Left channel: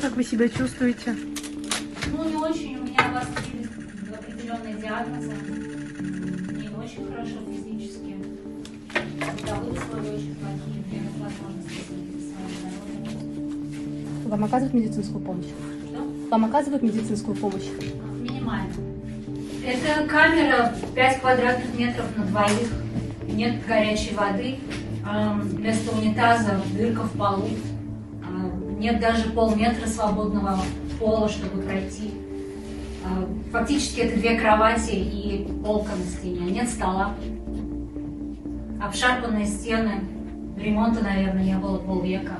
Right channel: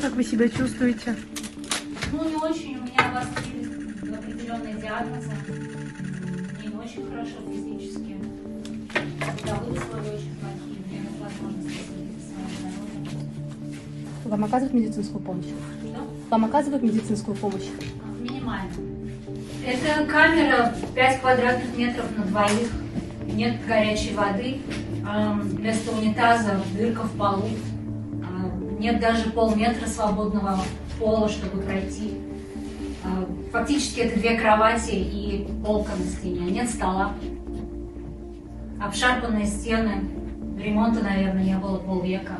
Как вы себя чувствуете? Ну, не очень. У меня обострились определенные диагнозы. Мне не очень хорошо физически. Бытовые условия очень плохие. Мне нет возможности следить за своим здоровьем. Вам оказывают медицинскую помощь? Что? Вам оказывают медицинскую помощь? Минимально. Это камера 5 квадратных метров на двоих. Нет горячей воды. Вместо унитаза дырка в полу. Нет даже полметра свободного пола, чтобы пройти. Фактически это 2 кровати и полка на стене. Нет стола. Обшарпанные стены. Ремонта, наверное, не было полвека.